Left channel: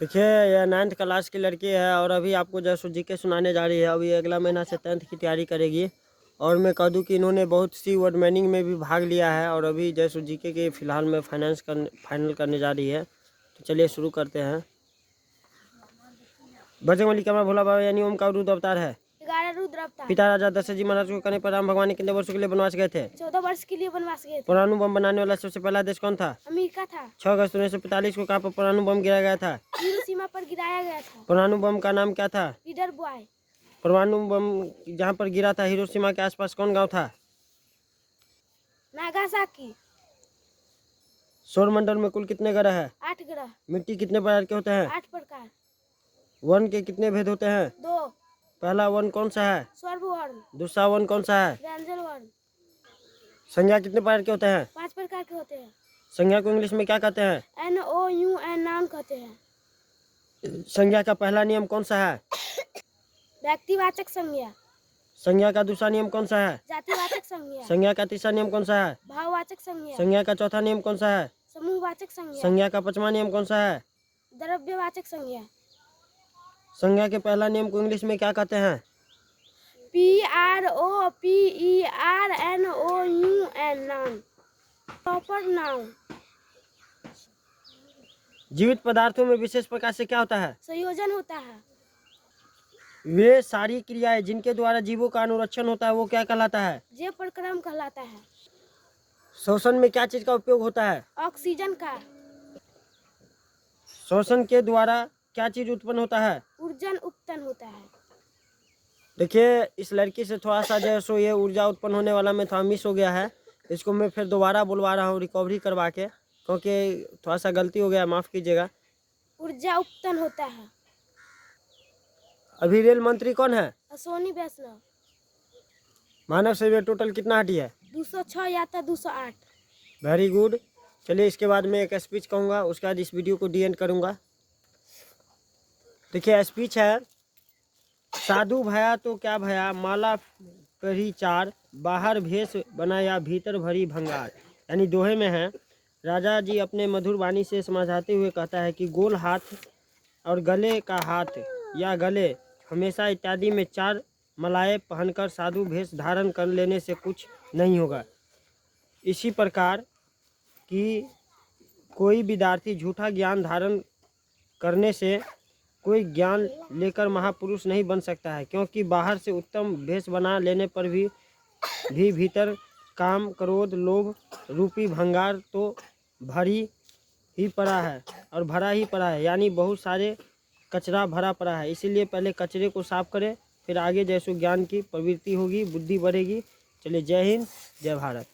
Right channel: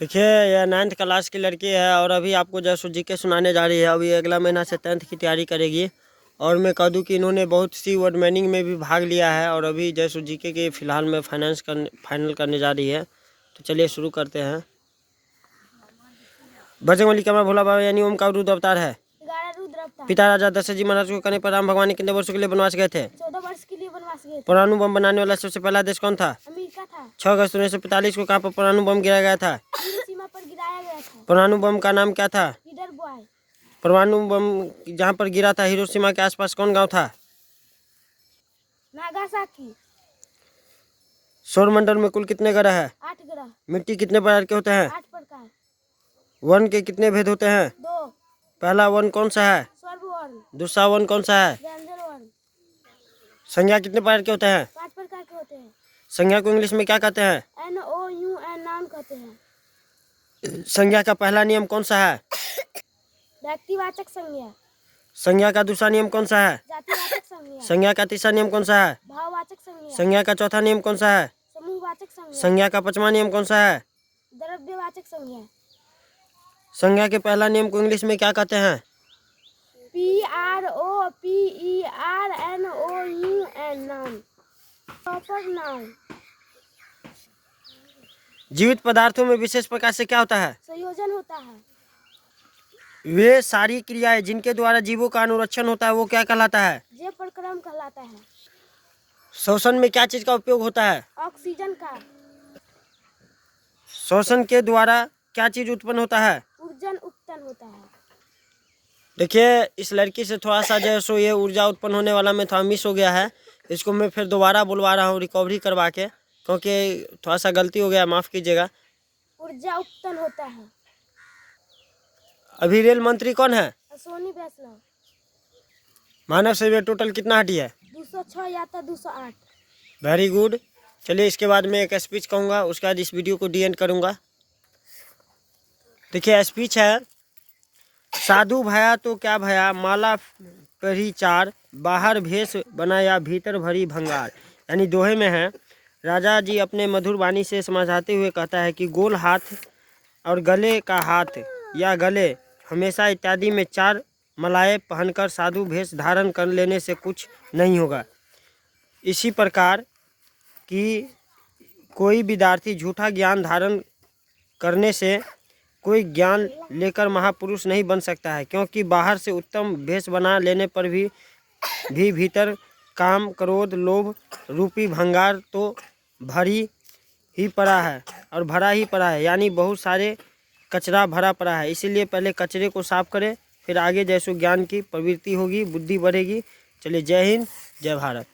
देखिए यह 9th class की लड़की है और अभी आपको जैसो जीके सुनाने जा रही है। अभी अगला महीना से 10th की तैयारी करेगी। और मैं कह दूं कि इन्होंने बहुत सी वर्ड मीनिंग में भी भाग लिया है और अभी जैसो जीके के फ़िलहाल में फाइनल करने जा रही है। तो चलिए शुरू करते हैं। बजरंगबली कैमरा भोला बाबा यानी ओम का रुद्र अवतार है। पिता राजा दशरथ जी महाराज को करने पर राम भगवान कितने वर्षों के लिए बनवास गए थे? 14 वर्ष के लिए बनवास गए थे। परमाणु बम बनाने वाला सबसे पहला देश कौन था? अमेरिका था। 6 अगस्त 1945 को कहाँ पर परमाणु बम गिराया गया था? हिरोशिमा पर गिराया गया था। परमाणु बम का नाम क्या था? Leader boy. परमाणु बम जहाँ पर गिरा था हिरोशिमा के आसपास कौन गांव था? नागासाकी। सौरमंडल में कुल कितने ग्रह है? 8 ग्रह। मिट्टी कितने प्रकार के होते हैं? 8 प्रकार। वर्ण के कितने भेद होते हैं? 2। पहला वर्ण कौन सा है? स्वरवर्ण। दूसरा वर्ण कौन सा है? व्यंजन वर्ण। संज्ञा कितने प्रकार के होते हैं? 5 प्रकार के होते हैं। संज्ञा को इंग्लिश में क्या कहते हैं? NOUN नाउन कहते हैं। संज्ञा का पहला नियम कौन सा है? व्यक्तिवाचक संज्ञा। संज्ञा का दूसरा नियम कौन सा है? जातिवाचक संज्ञा। संज्ञा का तीसरा नियम कौन सा है? भाववाचक संज्ञा। संज्ञा का चौथा नियम कौन सा है? समूहवाचक संज्ञा। संज्ञा का पांचवा नियम कौन सा है? द्रव्यवाचक संज्ञा। संज्ञा के पहला नियम को इंग्लिश में क्या कहते हैं? PROPERNOUN noun. Proper noun. जीवित पदार्थों में विशेष प्रकार से क्या होता है? संयोजन होता है। वे सारी क्रियाएं जिनके द्वारा जीवों का अनुरक्षण होता है वो क्या कहलाता है? जैव प्रक्रम कहलाता है। श्वसन में क्या चीज का उपयोग होता है? ऑक्सीजन का। श्वसन के द्वारा क्या चीज उत्पन्न होता है? ऊर्जन उत्पन्न होता है। देखिए इस लड़की से थोड़ा सा जो है सो ये ऊर्जा उत्पन्न होने वाला में थोड़ा मिस हो गया है। इसको मैं फिर दोबारा बुलवा रहा हूँ रिकवरी करवा के, क्योंकि थोड़ा सा गलती हो गया, माफ़ कीजिएगा। ऊर्जा उत्पन्न होता है। अभी रेल मंत्री कौन है? अश्विनी वैष्णव। मानव शरीर टोटल कितना हड्डी है? 206 या तो 208। Very good. चलिए इसके बाद मैं एक स्पीच कहूँगा, उसके बाद इस वीडियो को डीएंड करूँगा। देखिए स्पीच है। साधु भया तो क्या भया, माला पहरी चार, बाहर भेष बनाया भीतर भरी भंगार। यानी दोहे में है। राजा जी अपने मधुर वाणी से समझाते हुए कहता है कि गोल हाथ और गले का हाथ या गले हमेशा इत्यादि में 4 मलाएँ पहनकर साधु भेष धारण कर लेने से कुछ नहीं होगा। इसी प्रकार कि कोई विद्यार्थी झूठा ज्ञान धारण करने से कोई ज्ञान लेकर महापुरुष नहीं बन सकता है, क्योंकि बाहर से उत्तम भेष बना लेने पर भी भीतर काम क्रोध लोभ रूपी भंगार तो भरी ही पड़ा है और भरा ही पड़ा है, यानी बहुत सारे कचरा भरा पड़ा है। इसीलिए पहले कचरे को साफ करें, फिर आगे जैसो ज्ञान की प्रवृत्ति होगी, बुद्धि बढ़ेगी। चलिए जय हिंद, जय भारत।